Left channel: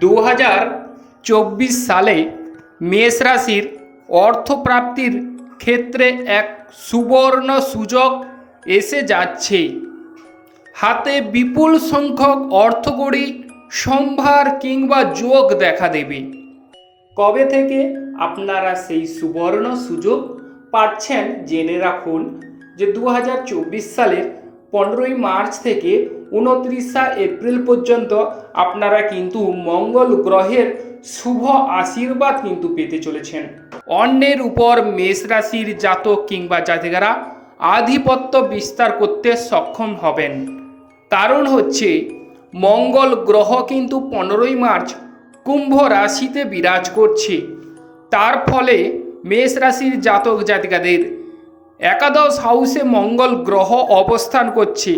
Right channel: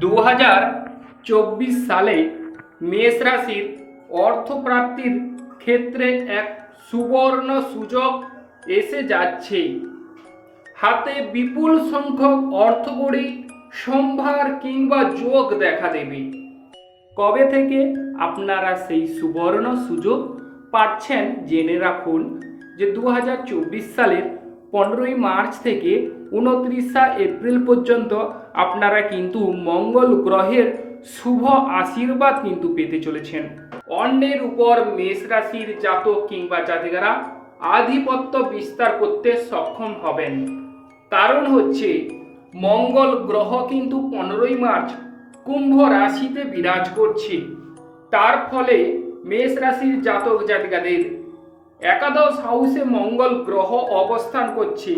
দু হাজার চব্বিশ সালে মেষ রাশির অর্থপ্রাপ্তির ক্ষেত্রে এক সুবর্ণ সুযোগ এসে যাচ্ছে। হাতে বিপুল সংখ্যক অর্থকড়ি, সম্ভার কিংবা যোগ দেখা দেবে। কবে থেকে আপনারা সেই সুবর্ণ সুযোগ পাচ্ছেন জেনে রাখুন যে দু সালের পনেরোই মার্চ থেকে উনত্রিশা এপ্রিল পর্যন্ত আপনারা কিন্তু মঙ্গল গ্রহের শুভ আশীর্বাদ কিন্তু পেতে চলেছেন। অন্যের উপর মেষ রাশির জাতক কিংবা জাতিকারা আধিপত্য বিস্তার করতে সক্ষম হবেন। কারণ হচ্ছে, মঙ্গল গ্রহ কিন্তু পনেরোই মার্চ কুম্ভ রাশিতে বিরাজ করছে। তার ফলে মেষ রাশির জাতক জাতিকাদের একাদশ হাউসে মঙ্গল গ্রহ অবস্থান করছে।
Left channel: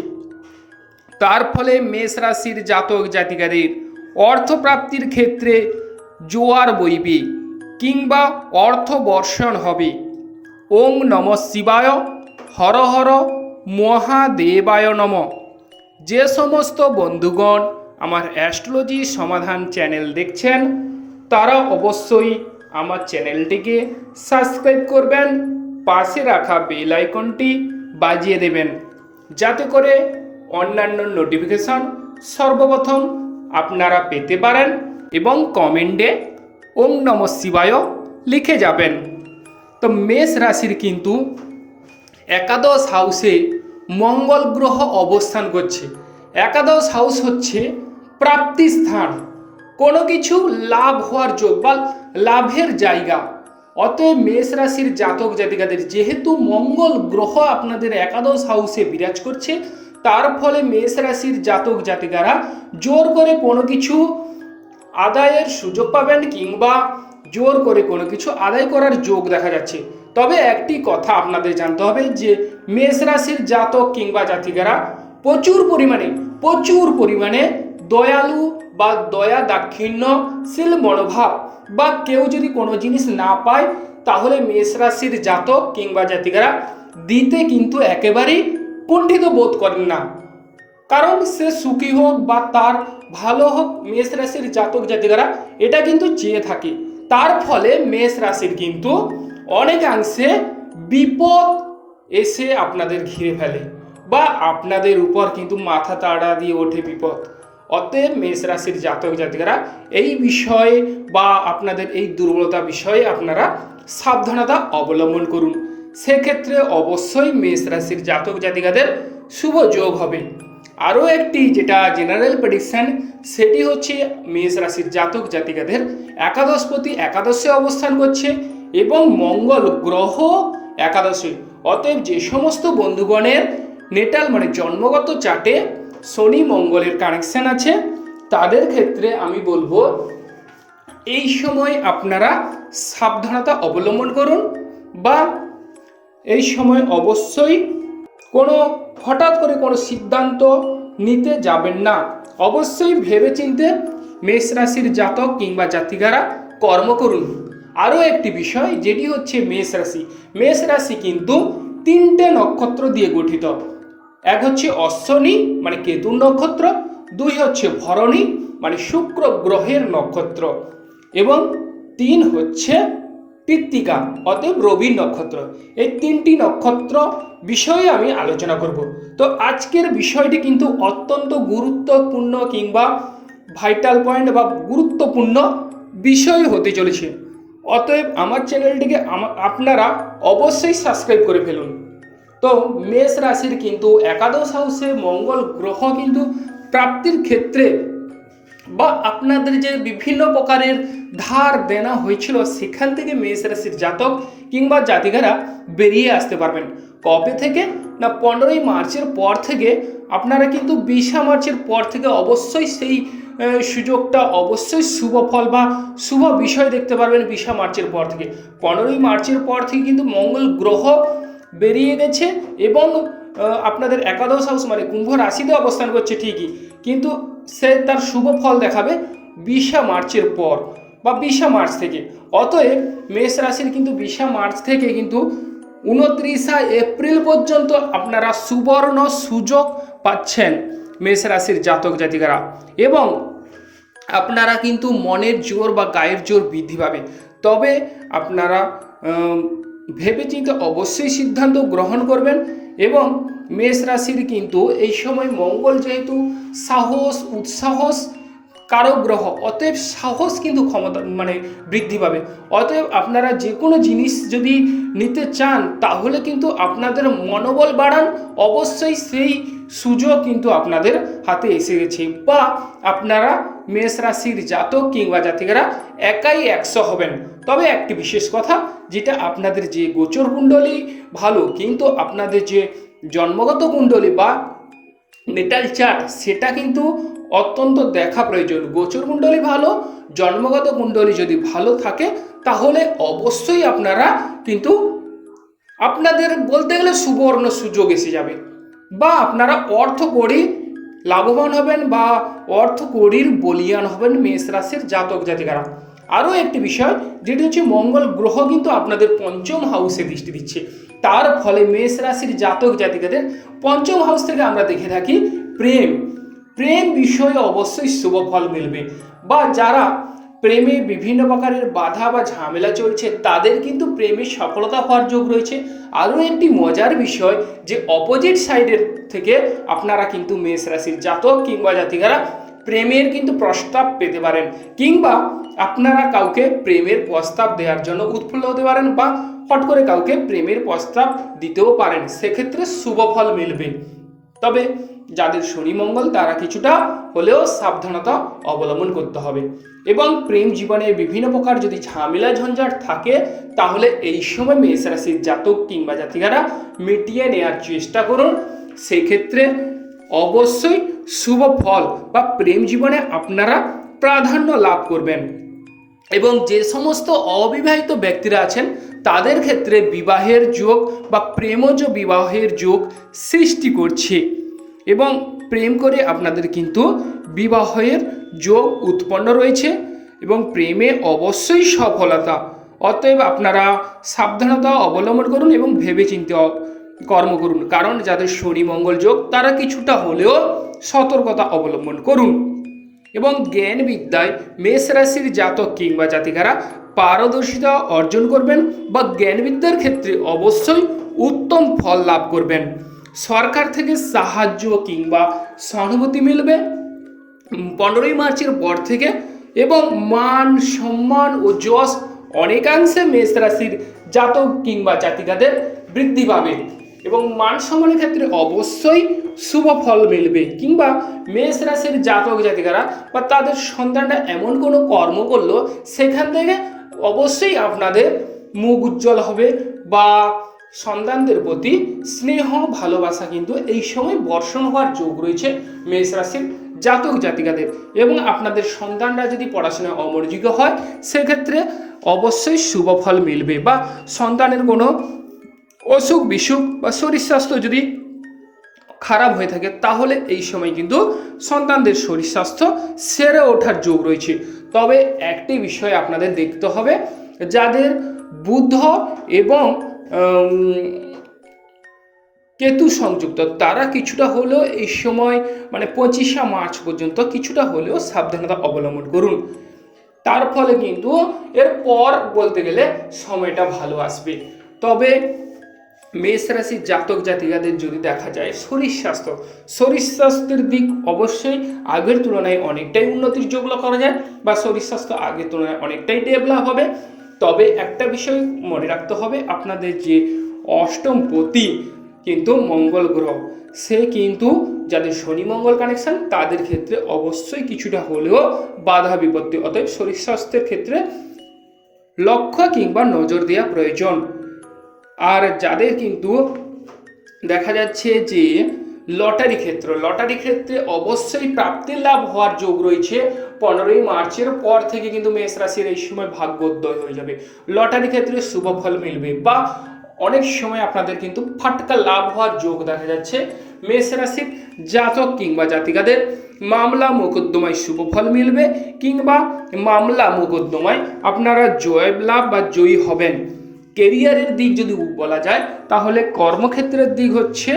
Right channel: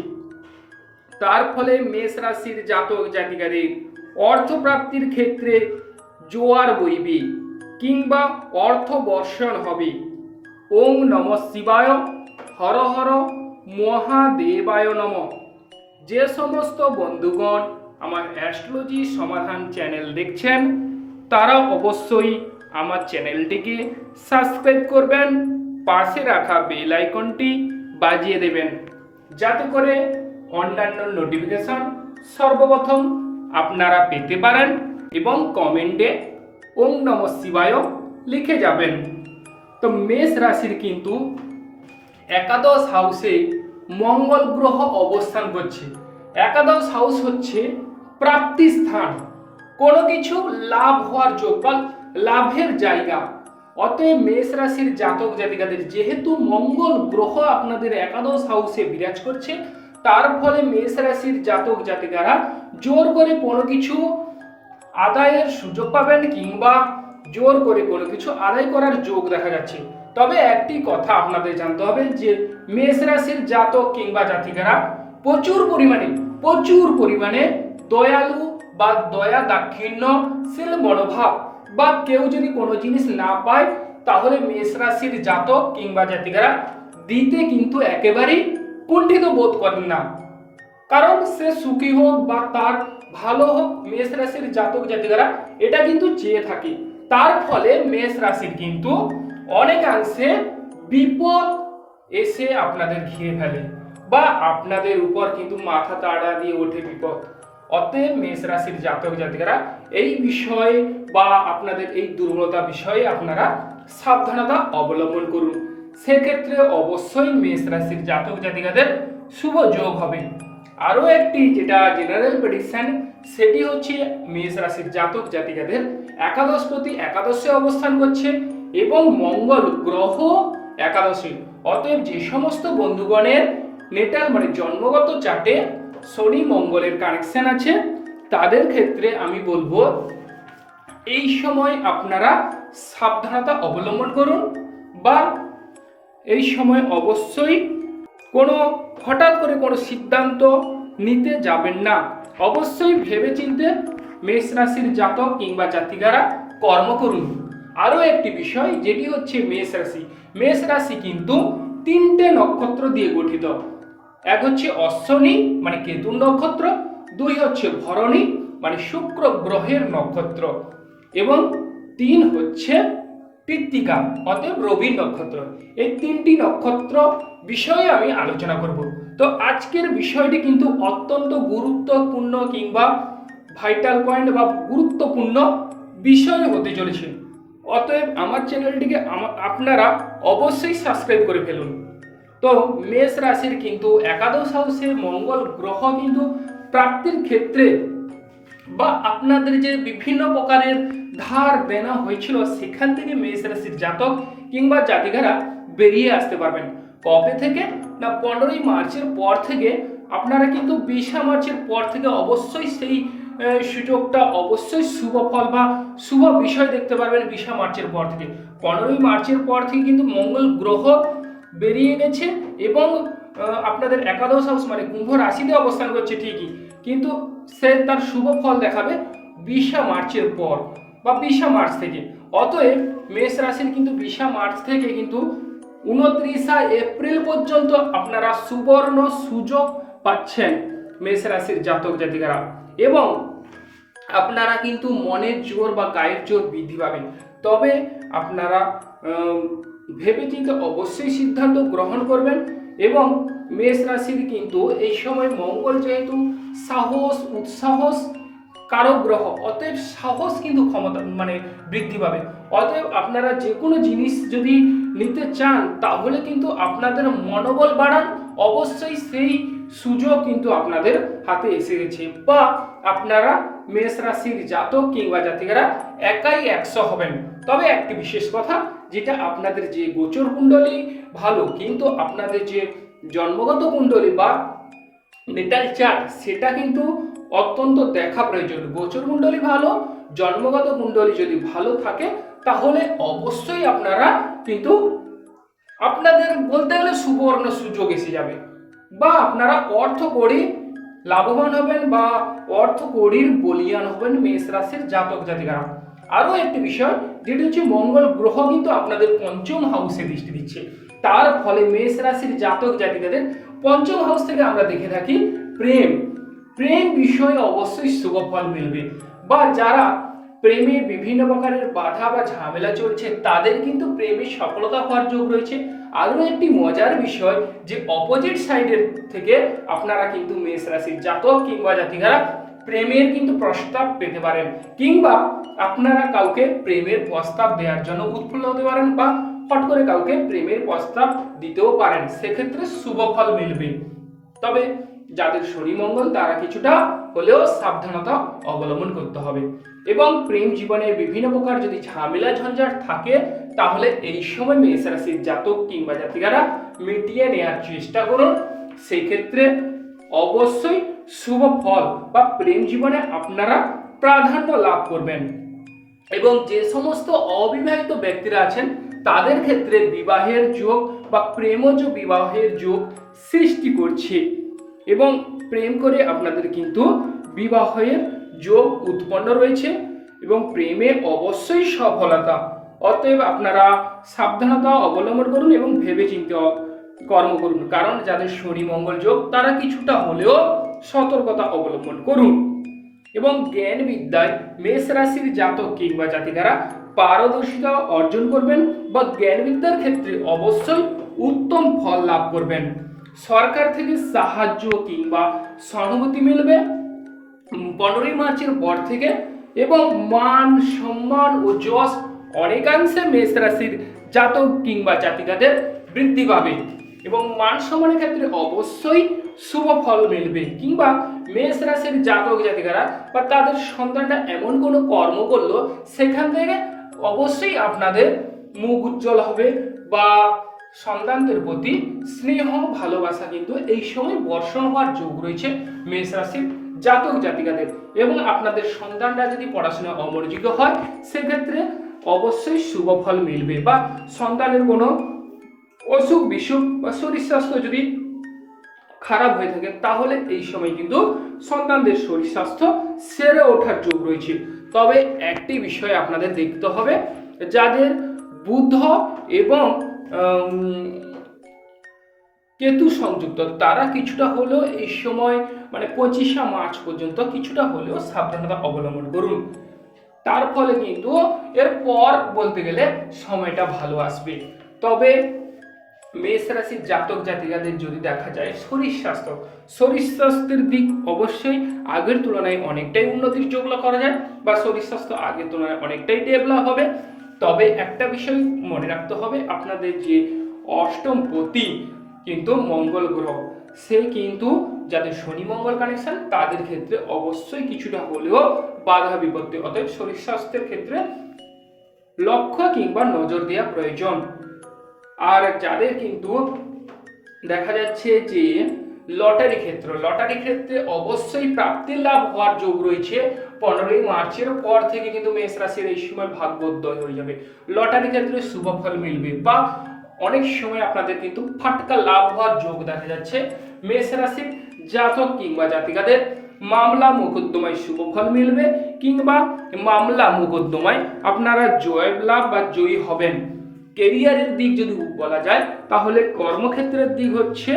তার ফলে মেষ রাশির জাতক জাতিকাদের অর্থপ্রাপ্তির ক্ষেত্রে জোয়ার বইবে কিংবা অর্থ বর্ষণ হবে। ওং নম শিবায়, হর হর মহাদেবায় নম। যে সমস্ত বন্ধুগণ আমার অ্যাস্ট্রোলজি সমাধান চ্যানেল দেখছেন, তারা অবশ্যই আমার চ্যানেলটিকে সাবস্ক্রাইব করবেন পাশে রাখা বেল আইকনটি বাজিয়ে দেবেন। যাতে করে অন্যান্য নোটিফিকেশন সর্বপ্রথম আপনারা পেতে পারেন এবং কমেন্টে ওম নম শিবায় লিখে যাবেন। তো মেষ রাশির কিন্তু একাদশ হাউসে মঙ্গল গ্রহ অবস্থান করছে। একাদশ হাউস হচ্ছে প্রাপ্তি স্থান। কোনো কিছু লাভ হওয়ার যোগ বা লাভের জায়গা। অতএব মেষ রাশির জাতক জাতিকাদের, যেহেতু মঙ্গল গ্রহ আপনাদের একাদশ হাউসে বিরাজ করছে, তার ফলে মেষ রাশির জাতক জাতিকারা জোর করে কোনো কিছু আদায়ের সুযোগ পাবেন কিংবা জোর করে কোনো কিছু আদায় করার যোগ দেখা যাচ্ছে। তবে একটি কথা আপনাদের জানতে হবে যে, মেষ রাশির জাতক কিংবা জাতিকারা প্রচুর পরিমাণে প্রচুর পরিমাণে দয়ালু বা দয়া দাক্ষিণ্যশীল মনোভাব বা কেউ যদি কোনো জিনিস না পায়, তাহলে মেষ রাশির জাতক কিংবা জাতিকারা দিতে কিন্তু একেবারেই কুণ্ঠিত বোধ করেন না। কারণ সে সুখী হোক বা তার ভালো হোক, মেষ রাশির জাতক জাতিকারা এটা কিন্তু চেয়ে থাকে। তার ফলে মেষ রাশির কিন্তু অনেকাংশে বিপদ এসে আপনাদের ঘিরে ফেলে বা আপনাদের উপর কিন্তু মাথা তাড়া দিয়ে ওঠে বিপদ। অতএব মেষ রাশির জাতক জাতিকারা, এই বিষয়ে বা আপনাদের এই দুর্বলতা বিষয়ে আপনারা সাবধানতা অবলম্বন করুন। সেক্ষেত্রে অবশ্যই মেষ রাশির জাতক জাতিকাদের শুভ যোগ হবে। আরও একটি যেটা জেনারেল প্রেডিকশন সেটি হচ্ছে মেষ রাশির জাতক জাতিকাদের একাদশপতি একাদশে অবস্থান করছে এবং মঙ্গল গ্রহ একাদশে। অতএব যে সমস্ত বন্ধুগণের নেটাল মানে জন্মগত চার্টে শনি মঙ্গলের কানেকশন আছে, তাদের ক্ষেত্রে আমি বলব, এই সময় আপনারা সাবধানতা অবলম্বন করুন বা এই সময় অবশ্যই কোনো, হঠাৎ করে কোনো সিদ্ধান্ত নিতে যাবেন না। অবশ্যই ভেবেচিন্তে মেষ রাশির জাতক কিংবা জাতিকারা কর্ম করুন। আরও একটি বিষয় যেটি হচ্ছে মেষ রাশি। মেষ রাশি কিন্তু তিনটে নক্ষত্র দিয়ে গঠিত। এক হচ্ছে অশ্বনী মানে কেতুর নক্ষত্র, দুই হচ্ছে ভরণী মানে শুক্র গ্রহের নক্ষত্র, এবং তিন হচ্ছে কৃত্তিকা অতএব রবি নক্ষত্র। এই তিনটি নক্ষত্র বিষয়ে আমি আলোচনা করব। তো আজকের বিষয়টি কিন্তু অত্যন্ত গুরুত্বপূর্ণ কিংবা ভাইটাল পয়েন্ট বা গুরুত্বপূর্ণ বিষয় হতে চলেছে। অতএব আমার চ্যানেলটিকে আপনারা অবশ্যই সাবস্ক্রাইব করে ফেলুন। তো মেষ রাশির কিন্তু একাদশ হাউসে মঙ্গল গ্রহ কিন্তু প্রাপ্তির ক্ষেত্রে বা আপনাদের যে বিভিন্ন প্রকারের ধার দেনা হয়েছিল, সেখান থেকে মেষ রাশির জাতক কিংবা জাতিকারা বেরিয়ে আসতে পারবেন। কবে থেকে? না পনেরোই মার্চের পর থেকে। আপনারা কিন্তু বিশা মার্চের পর থেকে অবশ্যই সেই সুযোগটা অবশ্যই শুভ ফল বা শুভ বিষয় দেখতে পারবেন বিশা মার্চের পর থেকে। পনেরোই মার্চের পর থেকে কিন্তু মঙ্গল গ্রহ বেরিয়ে গেছে এবং আপনাদের একাদশ হাউস মানে কুম্ভ রাশিতে অবস্থান করছে ঠিকই। কিন্তু সে তার শুভ ফল দেখাবে বিশা মার্চের পর বা বিশা মার্চ থেকে। অতএব মেষ রাশির কিন্তু বিশা মার্চ থেকে কিন্তু উনত্রিশা এপ্রিল পর্যন্ত আপনারা সুবর্ণ সুযোগ পাচ্ছেন মেষ রাশির জাতক জাতিকারা। এবং আপনারা কিন্তু মনের জোর বা গায়ের জোর বৃদ্ধি পাবে। তবে আপনারা ভেবেচিন্তে অবশ্যই সিদ্ধান্ত গ্রহণ করবেন এবং মেষ রাশির কিন্তু এই সময় মঙ্গল যেহেতু সাহস, উৎসাহস কারও গ্রহ অতএব সাহস কিন্তু ক্ষমতা মানে বৃদ্ধি পাবে। অতএব আপনারা যে কোনো জিনিস যদি নিতে চান, তাহলে কিন্তু আপনাদের মনোবল বাড়ান, অবশ্যই সেই সুযোগ কিন্তু আপনাদের হাতে এসে গেছে। বা আপনারা মেষ রাশির জাতক কিংবা জাতিকারা একাই একশো হবেন। তবে একটি বিশেষ কথা যেটা আপনাদের যে গোচর কুণ্ডলী, ভালো। কিন্তু আপনাদের যে জন্মগত কুণ্ডলী বা নেটাল চার্ট সেটা কিন্তু অত্যন্ত দেখা প্রয়োজন। গোচর কুণ্ডলী ভালো, জন্মগত কুণ্ডলী যদি ভালো থাকে, তাহলে অবশ্যই আপনারা কিন্তু আপনাদের বলতে গেলে সুবর্ণ সুযোগ এসে যাবে। বা আপনারা অর্থ করি লাভবান হবেন বা অর্থ কড়ির বলিয়ান হবেন মেষ রাশির জাতক জাতিকারা। আরও একটি বিষয়, যেটি হচ্ছে মঙ্গল গ্রহ কিন্তু আপনাদের পঞ্চম হাউসে দৃষ্টি দিচ্ছে। তার ফলে মেষ রাশির জাতক জাতিকাদের পঞ্চম হাউস থেকে আমরা দেখে থাকি প্রেম। প্রেম বিষয়ে অবশ্যই শুভ ফল মিলবে। বা যারা প্রেমে বিভিন্ন প্রকারের বাধা বা ঝামেলা চলছে, তাদের কিন্তু প্রেমে সফলতা হওয়ার যোগ রয়েছে। আরও একটি মজার বিষয়, যে অপোজিট সাইডের থেকে আপনারা কিন্তু মেষ রাশির জাতক কিংবা জাতিকারা প্রেমের কিন্তু প্রস্তাব পেতে পারেন কিংবা আপনারা কাউকে প্রেমের প্রস্তাব দেওয়ার জন্য উৎফুল্ল হতে পারেন বা হট করে কাউকে প্রেমের প্রস্তাব দিতেও পারেন, সেক্ষেত্রে শুভ ফল মিলবে। তবে যাদের শনি মঙ্গল, তারা কিছুটা হলেও সাবধানতা অবলম্বন করতে হবে। এবং প্রেম জীবনে বিভিন্ন প্রকার যদি ঝামেলা, ঝঞ্ঝাট থাকে, তাহলে এই সময় মেষ রাশির জাতক কিংবা জাতিকারা মিটিয়ে নেওয়ার চেষ্টা করুন। সেক্ষেত্রে অবশ্যই শুভ ফল বা প্রেম জীবনে আপনারা প্রাধান্য লাভ করবেন। এবং যে সমস্ত অবিবাহিত ব্যক্তিরা আছেন, তাদের ক্ষেত্রে বিবাহের যোগ বা প্রেমজ বিবাহের যোগ সৃষ্টি করছে। এবং প্রেম করে আপনাদের কিন্তু বিবাহের যোগ উৎপন্ন রয়েছে এবং প্রেমে অবশ্যই সফলতা। অতএব আপনারা সাবধানতা অবলম্বন করুন এবং ভেবেচিন্তে অ- কর্ম করুন। কারণ যাদের শনি মঙ্গল যোগ, তারা কিছুটা হলেও সতর্কতা অবলম্বন করুন। এবং জ্ঞান বিদ্যায় মেষ রাশির জাতক কিংবা জাতিকারা পারদর্শিতা অর্জন করবেন বা জ্ঞান বিদ্যার ক্ষেত্রে অবশ্যই উত্তম ফল লাভ করবেন। সরকার থেকে সাহায্য কিংবা সহানুভূতি মিলবে। পনেরোই মার্চের পর থেকে এবং মান সম্মান ও যশ অনেকাংশে মেষ রাশির জাতক কিংবা জাতিকাদের বৃদ্ধি পাবে। এবং মান সম্মানের ক্ষেত্রে অবশ্যই শুভ ফল মিলবে কিংবা মেষ রাশির জাতক জাতিকারা বা তাদের সন্তানরা এমন কোনো কর্ম করল, সেখান থেকে অবশ্যই আপনাদের মুখ উজ্জ্বল হবে বা সন্তানদের প্রতি স্নেহ, ভালোবাসা কিন্তু এই সময় বর্ষণ হওয়ার যোগ রয়েছে মেষ রাশির জাতক জাতিকাদের। এবং আপনাদের সন্তানরা যদি পড়াশোনায় অমনোযোগী হয়, সেক্ষেত্রে অবশ্যই শুভ ফল মিলবে বা সন্তানের কোনো অসুখ, বিসুখ বা শরীর স্বাস্থ্য যদি খারাপ হয়ে থাকে, তাহলে এই সময় কিন্তু সন্তানদের শরীর স্বাস্থ্য সেরে ওঠার যোগ রয়েছে। তবে একটি বিষয় আপনাদের দেখতে হবে, যাদের বুদ্ধ এবং কেতু সংযুক্ত, তারা কিছুটা হলেও এই সময় মানে পঁচিশে মার্চ পর্যন্ত কিছুটা হলেও সাবধানতা অবলম্বন করুন। তার ফলে কিন্তু এর পর বলতে গেলে সময়টা ভালো আসবে। তবে মেষ রাশির জাতক জাতিকাদের যদি দেখা যায়, শরীর স্বাস্থ্য। শরীর স্বাস্থ্যের দিক অবশ্যই আগের তুলনায় অনেকটাই উন্নতির যোগ লক্ষ্য করা যায় বা শরীর স্বাস্থ্য আগের তুলনায় অনেকটাই ডেভেলপ হবে। তবে একটা বিষয় মনে রাখতে হবে, আপনাদের যে অষ্টম পতি কিন্তু মঙ্গল গ্রহ, সে কিন্তু যাদের শনি মঙ্গল কানেকশন তাদের ক্ষেত্রে অবশ্যই কিছুটা হলেও বাধা বিপত্তি। অতএব শরীর স্বাস্থ্যের ক্ষেত্রে লক্ষ্য কিংবা নজর দেওয়া প্রয়োজন। আর যাদের কিন্তু দেখা যাচ্ছে যে লটারি ক্ষেত্র, লটারি ক্ষেত্রে অবশ্যই প্রাপ্তির লাভ হওয়ার যোগ রয়েছে। পনেরোই মার্চের পর থেকে কিন্তু মেষ রাশির এই সময় ভাগ্যোদয় হয়ে যাবে। লটারি ক্ষেত্রে শুভ ফল মিলবে বা অনেক সময় আপনাদের কিন্তু ফাটকা লাভ হওয়ার যোগ দেখা যাচ্ছে। মেষ রাশির জাতক কিংবা জাতিকাদের মামলা মোকদ্দমায় শুভ ফল মিলবে কিংবা মামলা মোকদ্দমায় আপনারা জয় লাভ বা জয়ী হবেন। কেরিয়ারের দিক যদি বলা যায়, তাহলে কর্মক্ষেত্রের দিক হচ্ছে,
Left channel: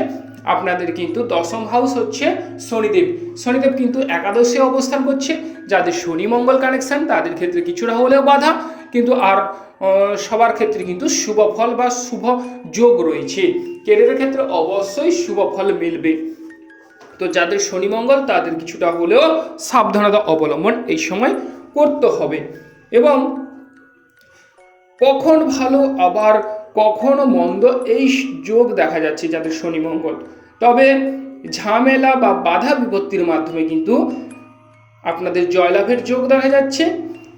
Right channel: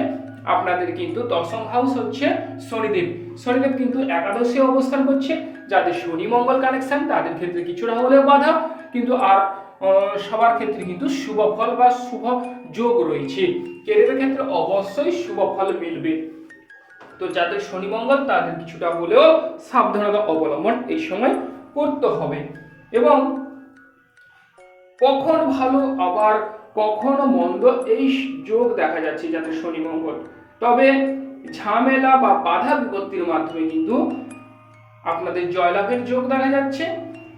আপনাদের কিন্তু দশম হাউস হচ্ছে শনিদেব। শনিদেব কিন্তু একাদশে অবস্থান করছে, যাদের শনি মঙ্গল কানেকশন তাদের ক্ষেত্রে কিছুটা হলেও বাধা, কিন্তু আর সবার ক্ষেত্রে কিন্তু শুভ ফল বা শুভ যোগ রয়েছে। কেরিয়ারের ক্ষেত্রে অবশ্যই শুভ ফল মিলবে। তো যাদের শনি মঙ্গল তাদের কিছুটা হলেও সাবধানতা অবলম্বন এই সময় করতে হবে। এবং কখন ভালো, আবার কখনো মন্দ? এই যোগ দেখা যাচ্ছে যাদের শনি মঙ্গল। তবে ঝামেলা বা বাধা বিপত্তির মাধ্যমে কিন্তু আপনাদের জয়লাভের যোগ দেখা যাচ্ছে।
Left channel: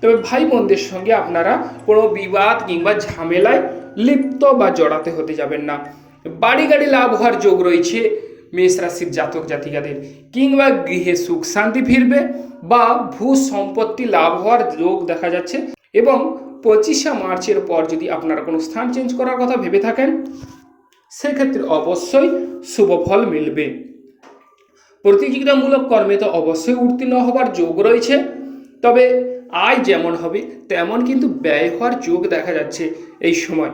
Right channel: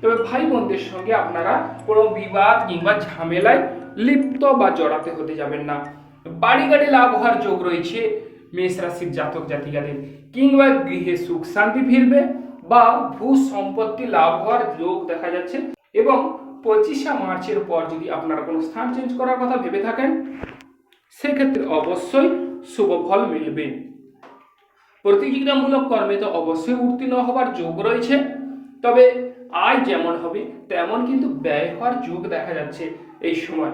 তবে ভাই বোনদের সঙ্গে আপনারা কোনো বিবাদ কিংবা ঝামেলায় লিপ্ত বা জড়াতে হতে যাবেন না। বাড়ি গাড়ি লাভ হওয়ার যোগ রয়েছে মেষ রাশির জাতক জাতিকাদের। কিংবা গৃহে সুখ শান্তি ফিরবে বা ভূ সম্পত্তি লাভ হওয়ার যোগ দেখা যাচ্ছে এবং পঁচিশে মার্চের পর যদি আপনারা কোনো স্থান চেঞ্জ করার কথা ভেবে থাকেন, সেক্ষেত্রে অবশ্যই শুভ ফল মিলবে। প্রতিযোগিতামূলক কর্মে তো অবশ্যই উত্তীর্ণ হবার যোগ রয়েছে। তবে আয় যেমন হবে, তেমন কিন্তু ব্যয় হওয়ার যোগ দেখা যাচ্ছে এই সময়।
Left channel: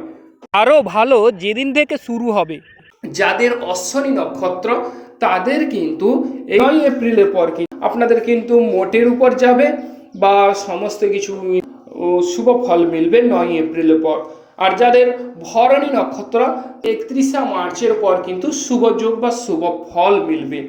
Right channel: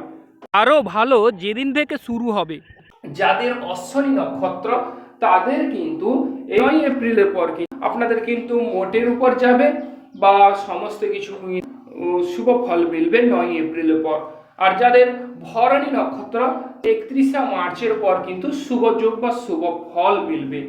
আরও ভালো যেদিন থেকে শুরু হবে। যাদের অশ্বনী নক্ষত্র, তাদের কিন্তু নয় এপ্রিলের পর কি আপনাদের কিন্তু মোটের উপর যাবে বা সমস্ত কিছু শুভ ফল মিলবে নয় এপ্রিলের পর। আর যাদের ভরণী নক্ষত্র, একত্রিশে মার্চের পর কিন্তু শুভ যোগ বা শুভ ফল মিলবে।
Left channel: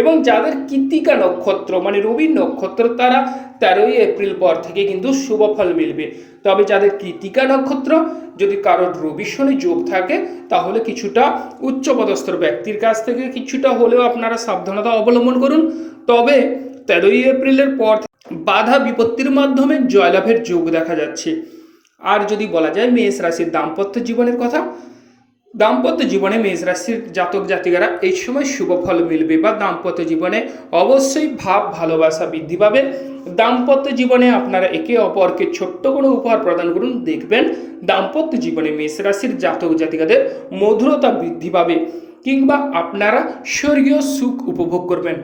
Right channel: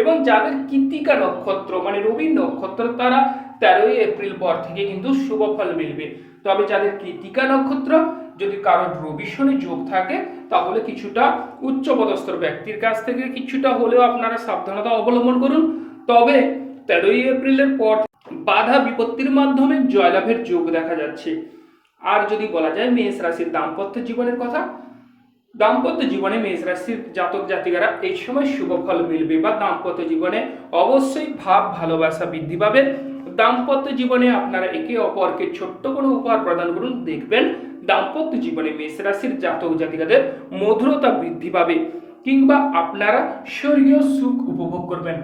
এবং যাদের কৃত্তিকা নক্ষত্র মানে রবির নক্ষত্র, তারা তেরোই এপ্রিল পর থেকে কিন্তু শুভ ফল মিলবে। তবে যাদের কৃতিকা নক্ষত্র, যদি কারোর রবি শনি যোগ থাকে, তাহলে কিছুটা উচ্চপদস্থ ব্যক্তির কাছ থেকে কিছুটা হলেও আপনারা সাবধানতা অবলম্বন করুন। তবে তেরোই এপ্রিলের পর বাধা বিপত্তির মাধ্যমে জয়লাভের যোগ দেখা যাচ্ছে। আর যদি বলা যায় মেষ রাশির দাম্পত্য জীবনের কথা, দাম্পত্য জীবনে মেষ রাশির জাতক জাতিকারা এই সময় শুভ ফল মিলবে বা দাম্পত্য জীবনে অবশ্যই ভাব, ভালোবাসা বৃদ্ধি পাবে। দাম্পত্য জীবনে আপনারা একে অপরকে ছোট্ট কোনো উপহার প্রদান করুন। দেখবেন দাম্পত্য জীবনে মেষ রাশির জাতক জাতিকাদের মধুরতা বৃদ্ধি পাবে কিংবা আপনারা স্বর্গীয় সুখ উপভোগ করবেন।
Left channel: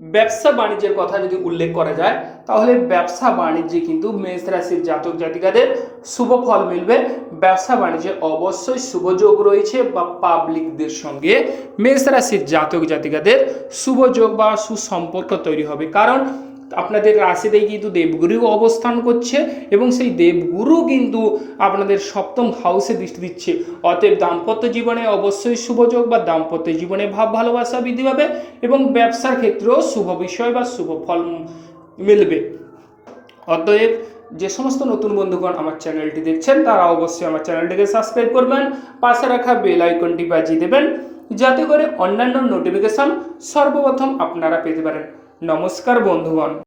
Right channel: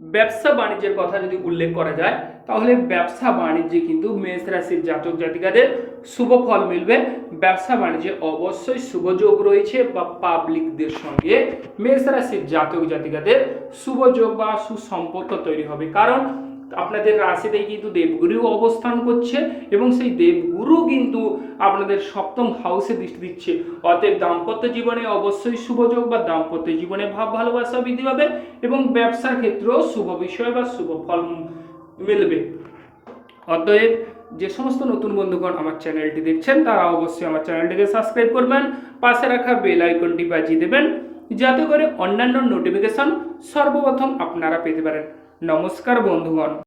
ব্যবসা বাণিজ্যের কথা যদি উল্লেখ করা যায়, তাহলে ব্যবসা বাণিজ্যে কিন্তু মেষ রাশির জাতক জাতিকাদের শুভ ফল মিলবে। ব্যবসা বাণিজ্যে অবশ্যই শুভযোগ রয়েছে বা পাবলিকদের সঙ্গে মেষ রাশির জাতক জাতিকাদের শুভযোগ বা সুসম্পর্ক তৈরি হবে। কারণ আপনাদের রাশিতেই কিন্তু দেবগুরু অবস্থান করছে এবং সেই দেবগুরু কিন্তু আপনাদের সপ্তম হাউসে দৃষ্টি দিচ্ছে। অতএব দাম্পত্য জীবনে অবশ্যই শুভযোগ বা দাম্পত্য জীবনে ভাব, ভালোবাসা বৃদ্ধি পাবে এবং ব্যবসার ক্ষেত্রেও শুভ বিষয় বা শুভ ফল মিলবে। অতএব যে সমস্ত নতুন বন্ধুগণ আমার চ্যানেলটি দেখছেন, তারা অবশ্যই আমার চ্যানেলটিকে সাবস্ক্রাইব করবেন, পাশে রাখা বেল আইকনটি বাজিয়ে দেবেন, যাতে করে অন্যান্য নোটিফিকেশন সর্বপ্রথম আপনারা পেতে পারেন। নমস্কার বন্ধুগণ।